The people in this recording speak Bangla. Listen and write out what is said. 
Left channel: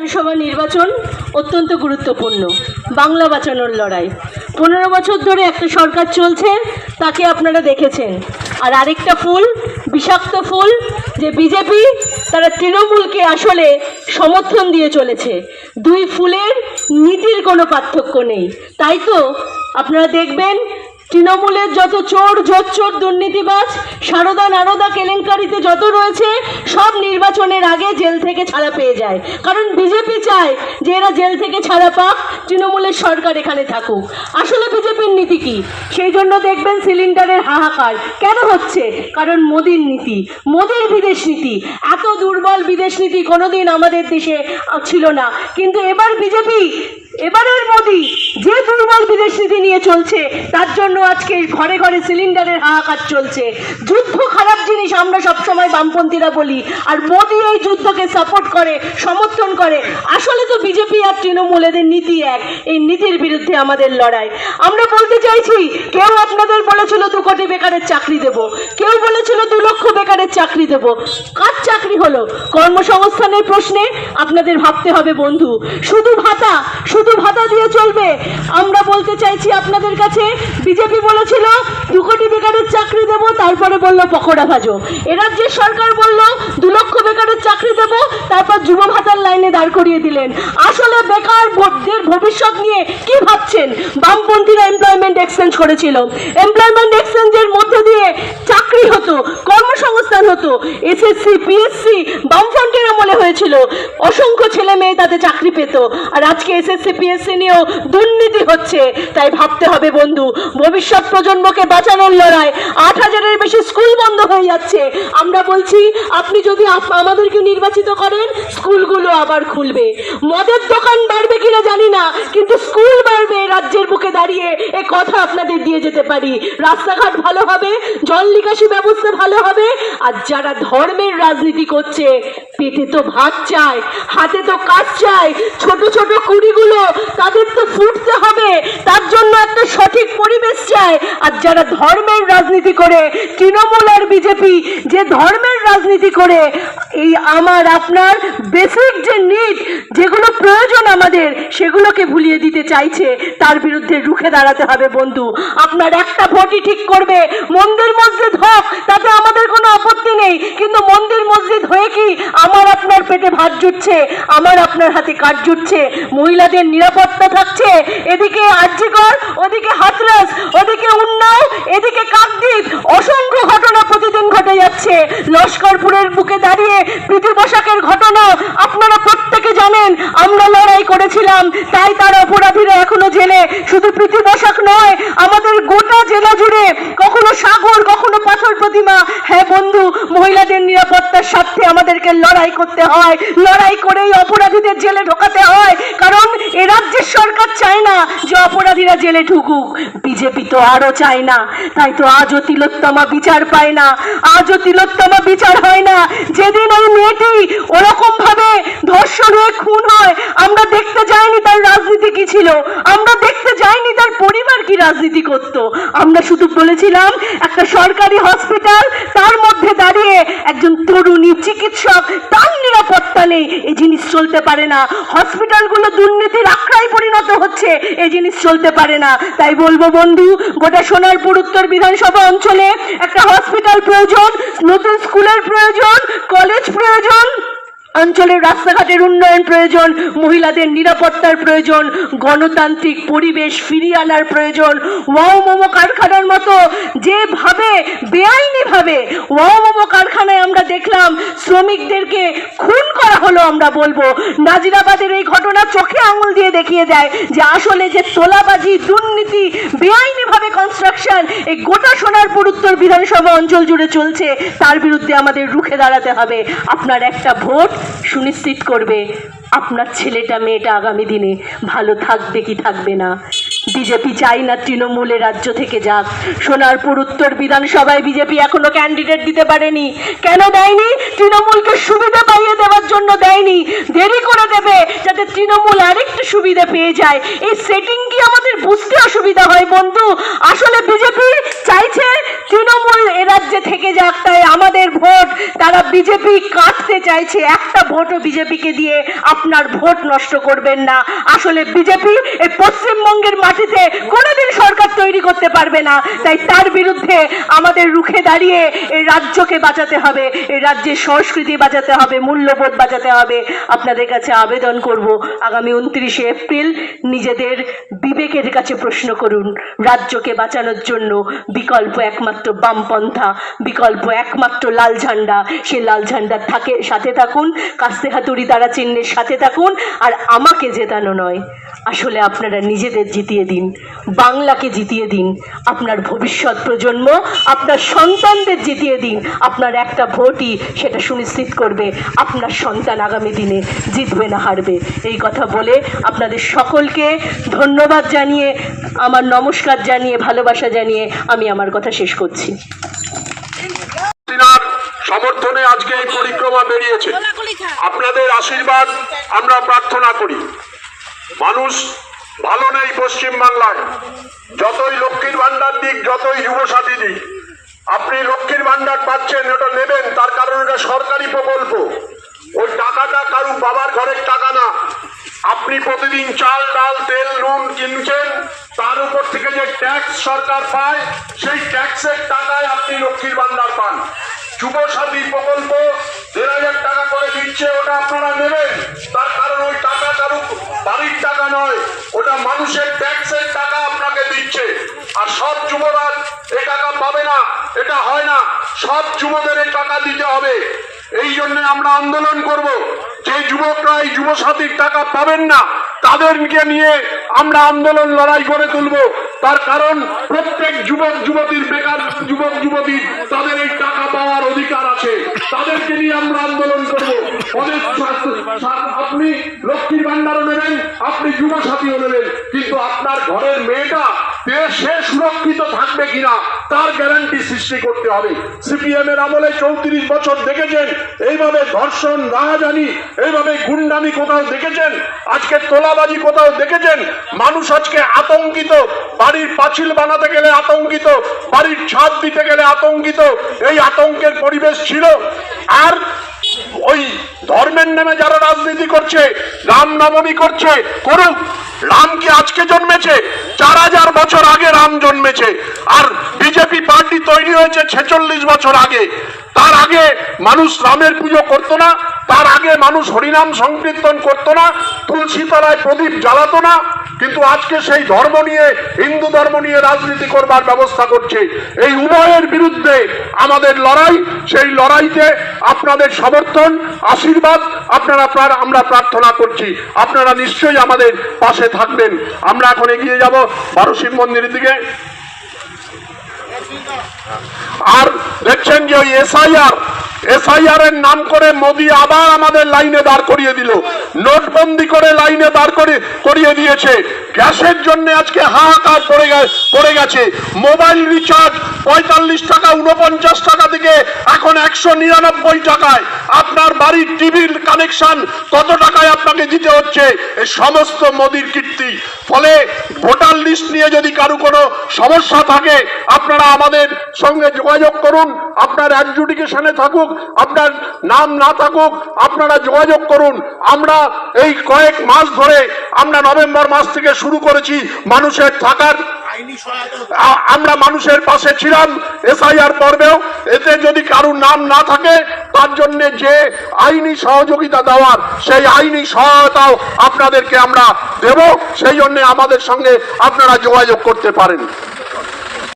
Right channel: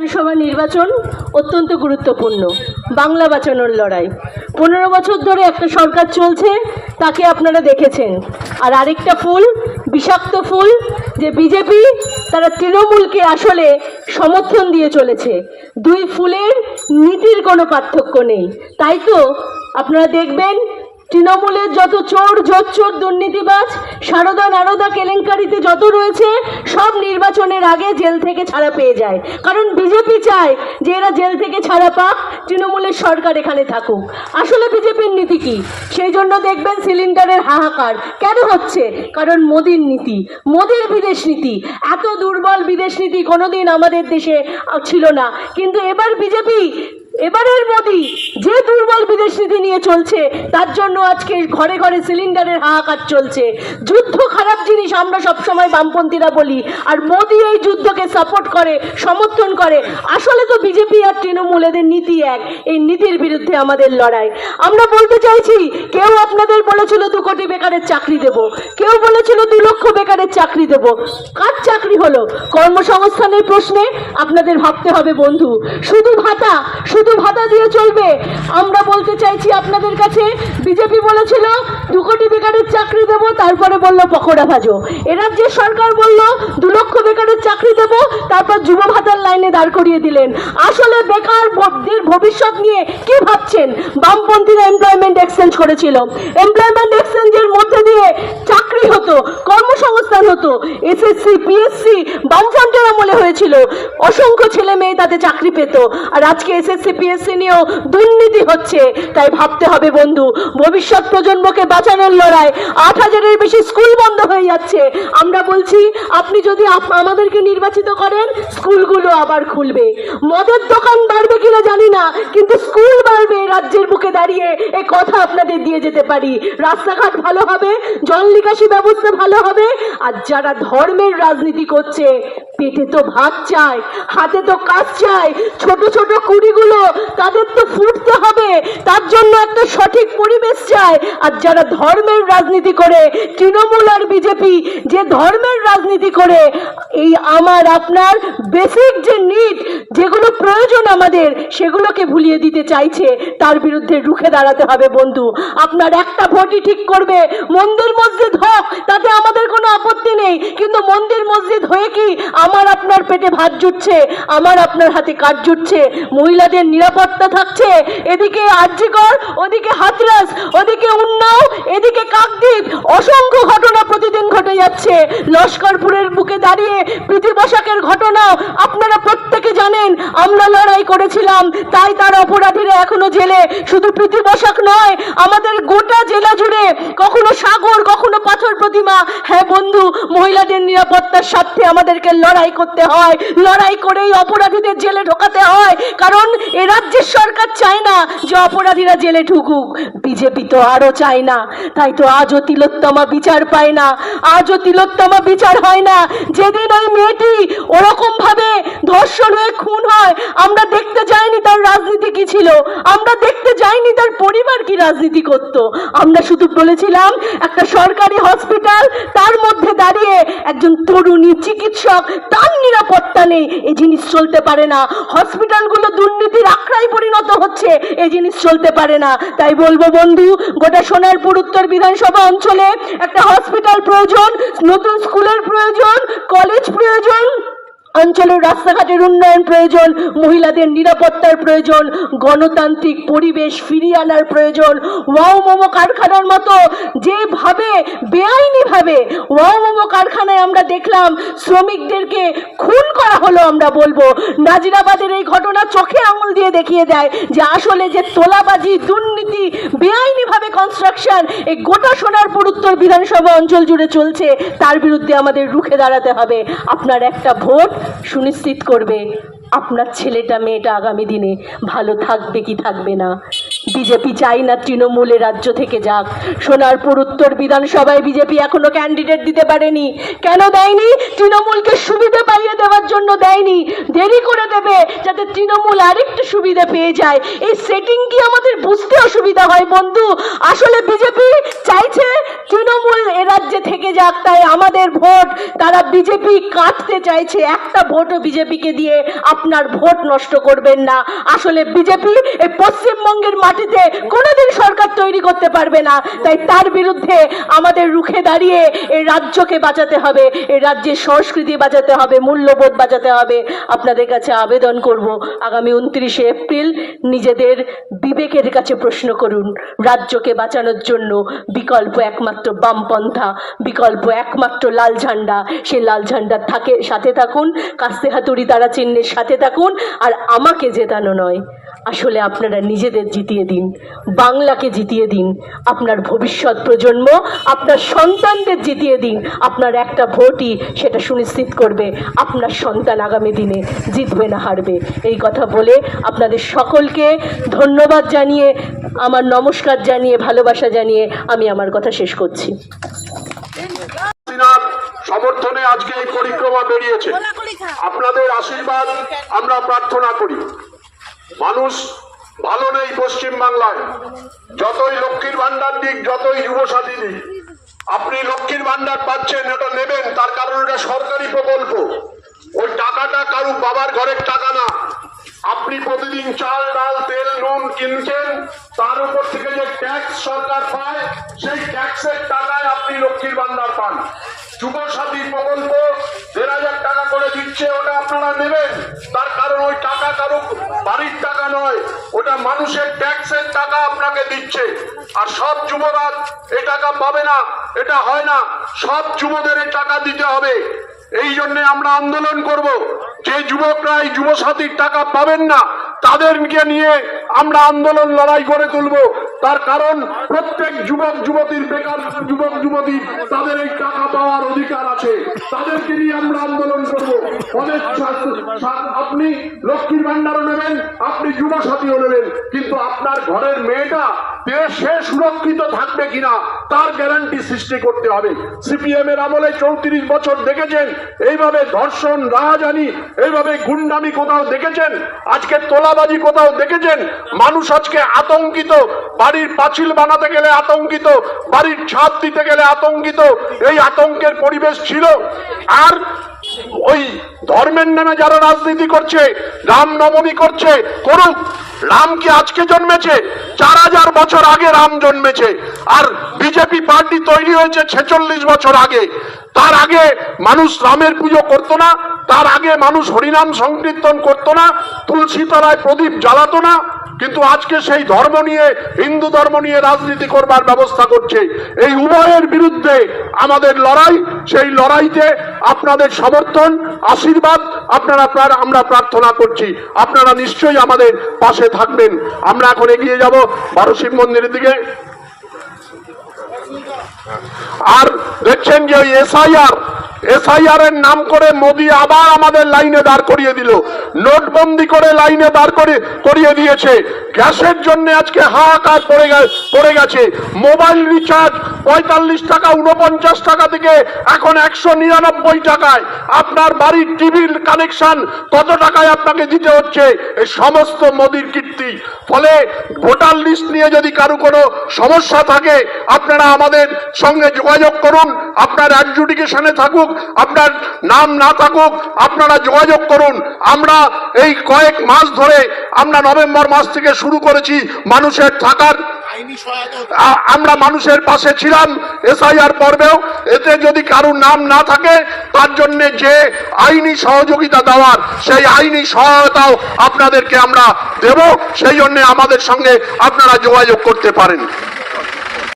বিধানসভা নির্বাচন অত্যন্ত গুরুত্বপূর্ণ। বাংলা বাঁচানোর লড়াই। 15 বছর ধরে একটা সরকার চলছে, তাকে আপনারা দেখেছেন। আর আরেকটা ফুল, বিষাক্ত ফুল, যে বিজেপি, তারা তৃণমূলকে আসলে সমর্থন দিয়ে চলেছে। দুই ফুলের নীতির কোনো পার্থক্য নেই। তাই তো আপনারা দেখবেন তৃণমূলের যত চোর, জোচ্চোর, দুর্নীতিবাজ, সারদা নারদা কেলেঙ্কারিতে যত রয়েছে, সব নির্বাচনের আগে জেল থেকে ছাড়া পেয়ে যায়। কারণ বিজেপি চায় যে এরা জেল থেকে ছাড়া পাক, তৃণমূলের সরকার এখানে থাকুক। আসলে বিজেপির নীতি কি? সেই জন্য দেখবেন সিলিন্ডারের হাহাকার কেন হচ্ছে? কারণ মোদির নীতি, মোদির বিদেশ নীতি। এত দুর্বল বিদেশ নীতি কোনোদিন আমাদের দেশে ছিল না। কিন্তু এবার বিজেপি, এবারের মোদি যে দুর্বল বিদেশ নীতি নিয়ে চলছে, তার জন্য আজকে ঘরে ঘরে সিলিন্ডারের হাহাকার চলছে। যুদ্ধ খারাপ জিনিস আমরা সবসময় বামপন্থীরা বলি, আর মোদি এই যুদ্ধকে সাপোর্ট করে, সমর্থন করে। আসলে তো বিজেপি আর তৃণমূল এদের নীতি এক। এই নীতির বিরুদ্ধে আমাদের লড়াই। আমরা বলতে চাইছি, কেউ আপনাদের বলেছিল 2 কোটি বেকারের চাকরি দেব, কেউ বলেছিল 2 লক্ষ বেকারের চাকরি দেব। কার চাকরি হলো? কর্মসংস্থানের প্রশ্নে আপনাদের ভাবতে হবে বন্ধু। শুধু ভাতা দিয়ে চলবে? আমরা বলতে চাইছি আপনাদের কাছে, বিজেপি বলেছিল 2 কোটি বেকারের চাকরি দেব, তারপরে বলল পকোড়া ভাজো। এরাজ্যের সরকার বলল 2 লক্ষ বেকারের চাকরি দেব, তারপর যুব ভাতার লাইনে দাঁড় করিয়ে দিলেন। আসলে বেকারদের ভবিষ্যৎ নিয়ে কি ভাবছেন? বামপন্থীরা এমপ্লয়মেন্ট এক্সচেঞ্জ করেছিল। এমপ্লয়মেন্ট এক্সচেঞ্জের মধ্যে দিয়ে চাকরি হতো, কর্মসংস্থান হতো। এসএসসি, পিএসসি বামফ্রন্টের আমলে হয়েছিল। অসংখ্য ছেলে মেয়ে তাতে চাকরি পেত। আর আজকে এসএসসি, পিএসসি নিয়েও দুর্নীতি হচ্ছে। তাই ভাবতে হবে বন্ধু, ভবিষ্যৎ প্রজন্মকে বাঁচানোর লড়াই। 8000-এর বেশি স্কুল বন্ধ হয়ে যাচ্ছে। আমরা বলছি, আপনি যদি আমাদেরকে নির্বাচিত করেন, স্কুলগুলো আবার খুলবে। মদের দোকান বাড়বে কিনা জানি না, কিন্তু স্কুল বাড়বে রাজ্যের বুকে দাঁড়িয়ে, এ কথা আপনাদের দিয়ে যেতে পারি। রাস্তাঘাট ভালো হবে, জল নিকাশি ব্যবস্থা ভালো হবে। আর যারা ধর্মের রাজনীতি করছে, পেটে তো ভাত চায়, হাতে তো কাজ চায়, ছোট ছোট কুড়িগুলো তাদের তো ফুটতে হবে, তার জন্য একটা সঠিক পরিবেশ চায়। আর যারা ধর্মের রাজনীতি করে, তৃণমূল আর বিজেপি যে ধর্মের রাজনীতি করে, এই আমার আপনার বেসিক যে নিড, যেগুলো প্রয়োজন আমাদের, সেগুলোকে ভুলিয়ে দিতে চাইছে, তার বিরুদ্ধে রুখে দাঁড়াতে হবে বন্ধু। আপনার একটা ভোটই ঠিক করবে। মন্দির মসজিদ হোক, তাতে আমাদের কোনো আপত্তি নেই, কিন্তু মন্দির মসজিদ হয়ে কি আমার আপনার পেটে ভাত জুটছে? আমার আপনার হাতে কাজ জুটছে? মহিলাদের নিরাপত্তা থাকছে? এদিকে আরজিকর, ওদিকে হাতরাস, ওদিকে উন্নাও, এদিকে কাকদ্বীপ, অসংখ্য ঘটনা প্রতিদিন ঘটে যাচ্ছে। লস্করপুরের বুকে দাঁড়িয়ে প্রীতি পোশাকের ঘটনা আপনারা প্রত্যেকে জানেন। আমরা লড়াই করেছিলাম, তাই তার অপরাধীরা এখনো জেলে। শুধু প্রীতি পোশাক নয়, আমাদের গোটা জেলা জুড়ে কখনো সাগর, কখনো পাথর প্রতিমা। হ্যাঁ বন্ধু, মহিলাদের নিরাপত্তার স্বার্থে আমাদেরকে লড়াই করতে হয়। লড়াই করেই অপরাধীদের জেলে ঢোকাতে হয়, কারণ এ রাজ্যের সরকার চায় না যে অপরাধীরা জেলে ঢুকুক। বিজেপি তো আরো চায় না। তাই তো আজও তিলোত্তমা বিচার পায় না, আজও তিলোত্তমা বিচার হয় না। যেদিন ওই মেয়েটি ওরকম ভাবে ধর্ষণ হয়ে খুন হয়, আমরা দেখতে যাইনি তার রাজনীতি কি ছিল, আমরা দেখতে যাইনি তার পরিবার কি রাজনীতি করত। আমরা শুধু বলেছিলাম একটা সরকারি হসপিটাল, তার মধ্যে দাঁড়িয়ে একজন তরুণী চিকিৎসক, তার নিরাপত্তা নেই। এই জিনিস চলতে পারে না। হসপিটালগুলো দুর্নীতির আখড়ায় পরিণত হচ্ছে, এই জিনিস চলতে পারে না। তাই বলবো বন্ধু, গোটা সোনারপুর উত্তর বিধানসভা অঞ্চলে একটা হসপিটাল প্রয়োজন, নতুন স্কুলের প্রয়োজন, কলেজ প্রয়োজন, অঞ্চলের রাস্তাঘাটের উন্নয়ন প্রয়োজন, মহিলাদের নিরাপত্তার প্রয়োজন, গণতান্ত্রিক পরিবেশ ফিরিয়ে আনার প্রয়োজন। ওয়াও মোমো কারখানার মতো যেভাবে বেআইনি ভাবে ওয়াও মোমো কারখানায় আমরা দেখলাম শ্রমিকদেরকে খুন করা হলো, আমরা বলবো নাজিরাবাদের এই ঘটনা চোখে আঙুল দিয়ে দেখিয়ে দেয় যে আসলে যে তোলাবাজি, দুর্নীতি, বেআইনি ভাবে কনস্ট্রাকশন এই গোটা সোনারপুর উত্তর বিধানসভা অঞ্চল জুড়ে চলছে, তার বিরুদ্ধে আমাদের রুখে দাঁড়াতে হবে। আপনার একটা ভোট সুনিশ্চিত করবে আপনার ছেলেটা মেয়েটা আগামী দিনে ভালো থাকবে কি থাকবে না। বিজেপি চাই না তৃণমূলে রাজ্য থেকে যাক। সোনারপুর উত্তর বিধানসভায় বিজেপি এখনো ক্যান্ডিডেট দিতে পারেনি। কেন দেয়নি? তৃণমূলকে সুবিধা পাইয়ে দেওয়ার জন্য দেয়নি। দেরি করে দেবে যাতে তৃণমূল আরেকটু সুবিধা পেয়ে যায়। এই সেটিং কি আমাদের বুঝতে অসুবিধা হয় বন্ধু? আসলে বিজেপি চাইছে তৃণমূল এ রাজ্যে থেকে যাক, তাই আমাদের ভোট তারা বিজেপি কাটতে চাইছে। একটা ভোটও বিজেপিকে দিয়ে আপনার ভোট নষ্ট করবেন না। আসলে বিজেপি এই পশ্চিমবঙ্গের মাটিতে কোনোদিন সরকার তৈরি করতে পারবে না, তাই তার বিরুদ্ধে আমাদের রুখে দাঁড়িয়ে এই রাজ্যকে বাঁচাতে হবে, এই রাজ্যের সংস্কৃতি বাঁচাতে হবে, মূল্যবোধ বাঁচাতে হবে। আপনাদের কাছে আবেদন করব, আগামী 29শে এপ্রিল নিজেদের বিবেকের কাছে প্রশ্ন করুন। রাজ্যকে বাঁচানোর জন্য বিকল্প একমাত্র বামপন্থা, বিকল্প একমাত্র লাল ঝান্ডা। সেই লাল ঝান্ডার সাথে থাকুন, কাস্তে হাতুড়ি তারা চিহ্নের সাথে থাকুন। আর আমাকে জেতানো নয়, আসলে আপনারা নিজেদের জিতিয়ে দিন, বাংলাকে জিতিয়ে দিন, আপনার ভবিষ্যৎ প্রজন্ম, আপনার সন্তানদের জিতিয়ে দিন। আপনার একটা ভোটই সেটা সুনিশ্চিত করবে আপনার সন্তান আগামী দিনে জিতবে না হারবে। এই কথা বলে আপনাদের সকলকে ধন্যবাদ জানিয়ে, আমার নমস্কার জানিয়ে, ভালোবাসা জানিয়ে আমি আমার কথা শেষ করছি। সমর্থনে আজকে এই পরিক্রমা বেরিয়েছে। আপনাদের আশীর্বাদ আমরা প্রার্থনা করি। মানুষ ভালো নেই পশ্চিম বাংলায়, যতই লক্ষ্মীর ভান্ডার দিক, যতই যুবসাথী দিক। আপনি লক্ষ্মীর ভান্ডার পাচ্ছেন, ওটা নেবেন, তার কারণ এটা সরকারি প্রকল্প। ওই টাকাটা কারু বাবার ঘরের টাকা না। আপনি প্রতিদিন চাল, ডাল, তেল, নুন কিনছেন, তার উপর থেকে যে ট্যাক্স সরকার পায়, সেই ট্যাক্সের টাকায় আপনি লক্ষ্মীর ভান্ডার পান। যুবসাথী প্রকল্প 1,000 টাকা করে দিচ্ছে, ওটা আপনারা নেবেন, তার কারণ ওই টাকা কারো বাড়ির টাকা নয়, ওটা মানুষের ট্যাক্সের টাকা আপনাকে দিচ্ছে। আর সব যুবরা এই টাকা পাবে না, এটা হয় না। সব যুবদের এই টাকা দিতে হবে। এই জন্য আমরা আন্দোলন করব। যে যুবকরা এই যুবসাথীর টাকা পাবেন না, তাদেরকে নিয়ে আমরা আন্দোলন লড়াই করে তুলব। তার কারণ প্রত্যেক যুবক যুবতীর, বেকার যুবক যুবতীর, তাদের এই টাকা পাওয়ার অধিকার আছে। তাদেরকে নিয়ে আমরা আন্দোলন করব। আপনি লক্ষ্মীর ভান্ডারও নেবেন, আপনি যুবসাথীও নেবেন, কিন্তু আপনার ঘরের মেয়েটা সে সুরক্ষিত থাকবে কিনা তার গ্যারান্টি সৃষ্টি করতে হবে। সিপিএম এর আমলে 34 বছর দেখেছেন এইভাবে ধর্ষণ, রাহাজানি, এইভাবে গুন্ডামি কোথাও দেখেছেন? আজকে তোলাবাজি কোথাও দেখেছেন? মানুষ আজকে আতঙ্কিত, বাড়ির পাঁচিল বানাতে গেলে আতঙ্কিত, বাড়ির ছাদ দিতে গেলে আতঙ্কিত। এই আতঙ্কের পরিবেশ ছিল। আর ওই ধর্মের নামে যারা রাজনীতি করছে, রামনবমী করছে, করুক। রাম কি আজকে জন্মেছে? 4000 বছর আগে রাম জন্মেছে। আর বিজেপি পার্টি তৈরি হয়েছে 46 বছর আগে। তার আগে মানুষ রামের পুজো করতো না, তার আগে মানুষ হরিনাম সংকীর্তন করতো না, তুলসী তলায় প্রদীপ জ্বালাতো না। কিন্তু আজকে সেই ধর্ম নিয়ে, হিন্দু ধর্ম নিয়ে রাজনীতি করবার ব্যবস্থা করছে। এই উভয়ের বিরুদ্ধে আমাদের লড়াই। সেই লড়াইতে আপনাদের সমর্থন, আশীর্বাদ আমরা প্রার্থনা করছি। আপনারা নিশ্চয়ই আমাদের পাশে থাকবেন। আমরা এখন এগিয়ে যাব বারোশিব মন্দিরের দিকে। আর দেখছেন যে ওই এসআইআর এর নাম করে মোদি আবার আমাদের লাইনে দাঁড় করিয়ে দিল, নোটবন্দি করে লাইনে দাঁড় করিয়ে দিয়েছে। গ্যাসের জন্য আজকে হাহাকার পড়ে গেছে। মোবাইল রিচার্জ 45 টাকা 49 টাকা থেকে এখন 199 টাকায়। আপনার বাড়ির টিভির কানেকশন কত টাকায় আপনাকে দিতে হচ্ছে? এই সমস্ত মোদির কীর্তি। ফলে ভোটার লিস্ট নিয়ে যদি কারো কোনো সমস্যা থাকে, আপনারা আমাদের সঙ্গে যোগাযোগ করুন। আপনার অ্যাডজুডিকেশনে থাকুক, আপনার নাম না থাকুক, আপনারা যোগাযোগ করুন। আমরা এই কয়েক মাস ধরে, আমরা নভেম্বর মাস থেকে শুরু করেছি মানুষের থাকার, আমরা মানুষের পাশে ছিলাম এসআইআর পর্বেও। এতে যদি কারোর নাম না থাকে, তার জন্য যে আইনি সহযোগিতা দেওয়ার, সেই আইনি সহায়তাও আপনাদেরকে আমরা দেব। সেই জন্য আমাদের সঙ্গে আপনারা যোগাযোগ করতে পারেন।